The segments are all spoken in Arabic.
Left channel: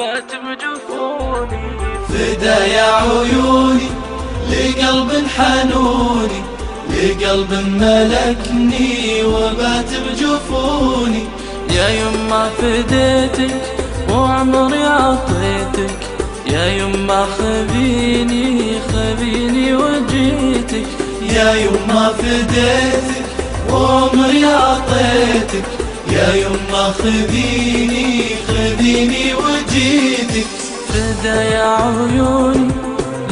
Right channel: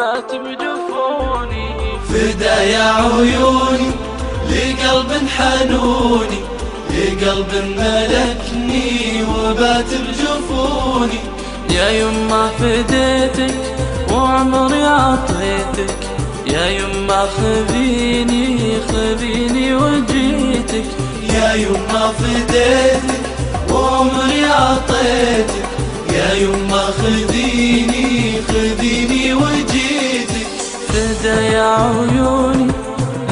وبات بجفوني. فدا يا عيوني لقلب حنوني، لقلب ملكني وبات بجفوني. يا يما فديتك وعمري عطيتك، يا يما خذيني خذيني وجيتك. يا يما فديتك وعمري عطيتك، يا يما خذيني خذيني وجيتك. فدا يا عيوني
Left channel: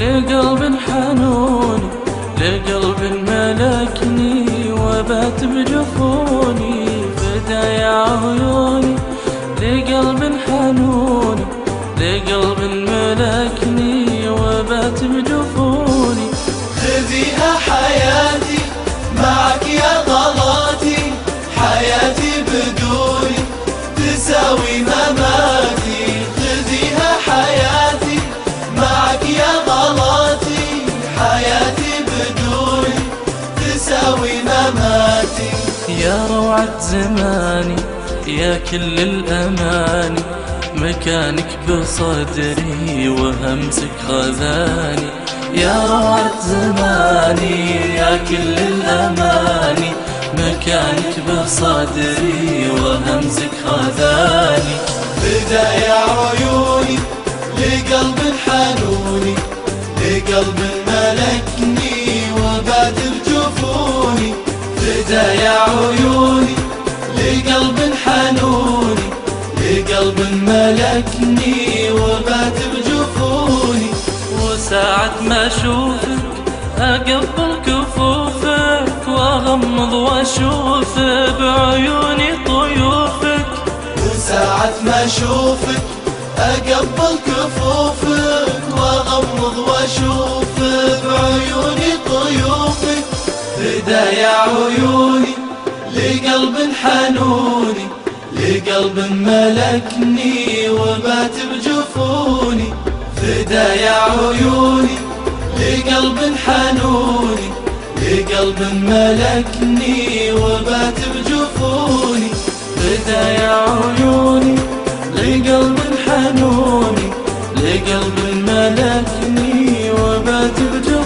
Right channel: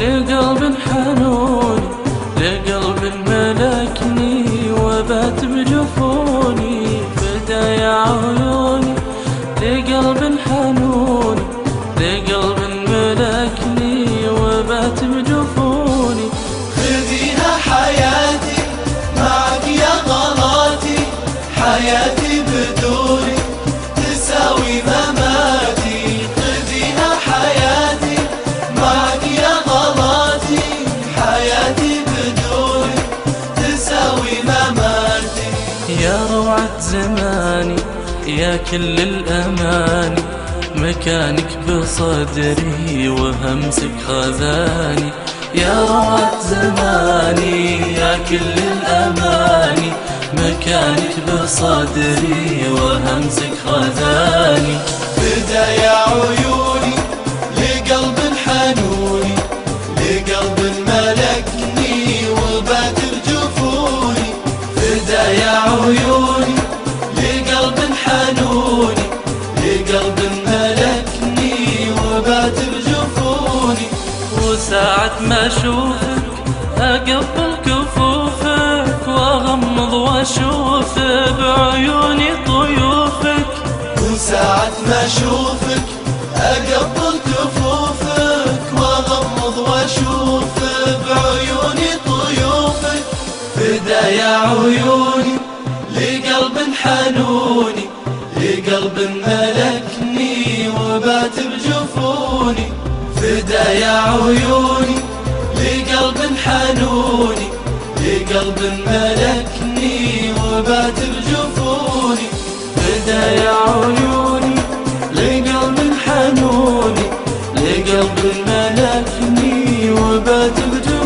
لقلب حنوني، لقلب ملكني وبات بجفوني. فدا يا عيوني لقلب حنوني، لقلب ملكني وبات بجفوني. خذيها حياتي معك يا غلاتي، حياتي بدوني تساوي مماتي. خذيها حياتي معك يا غلاتي، حياتي بدوني تساوي مماتي. يا روعة زماني يا كل الأماني، مكانك بصدري وهمسك خذاني. يا روعة زماني يا كل الأماني، مكانك بصدري وهمسك خذاني. فدا يا عيوني لقلب حنوني، لقلب ملكني وبات بجفوني. فدا يا عيوني لقلب حنوني، لقلب ملكني وبات بجفوني. وساعة ما أشوفك أقبل كفوفك، وأغمض وأشوف بعيوني طيوفك. وساعة ما أشوفك أقبل كفوفك، وأغمض وأشوف بعيوني طيوفك. فدا يا عيوني لقلب حنوني، لقلب ملكني وبات بجفوني. فدا يا عيوني لقلب حنوني، لقلب ملكني وبات بجفوني. فدا يا عيوني لقلب حنوني، لقلب ملكني وبات بجفوني.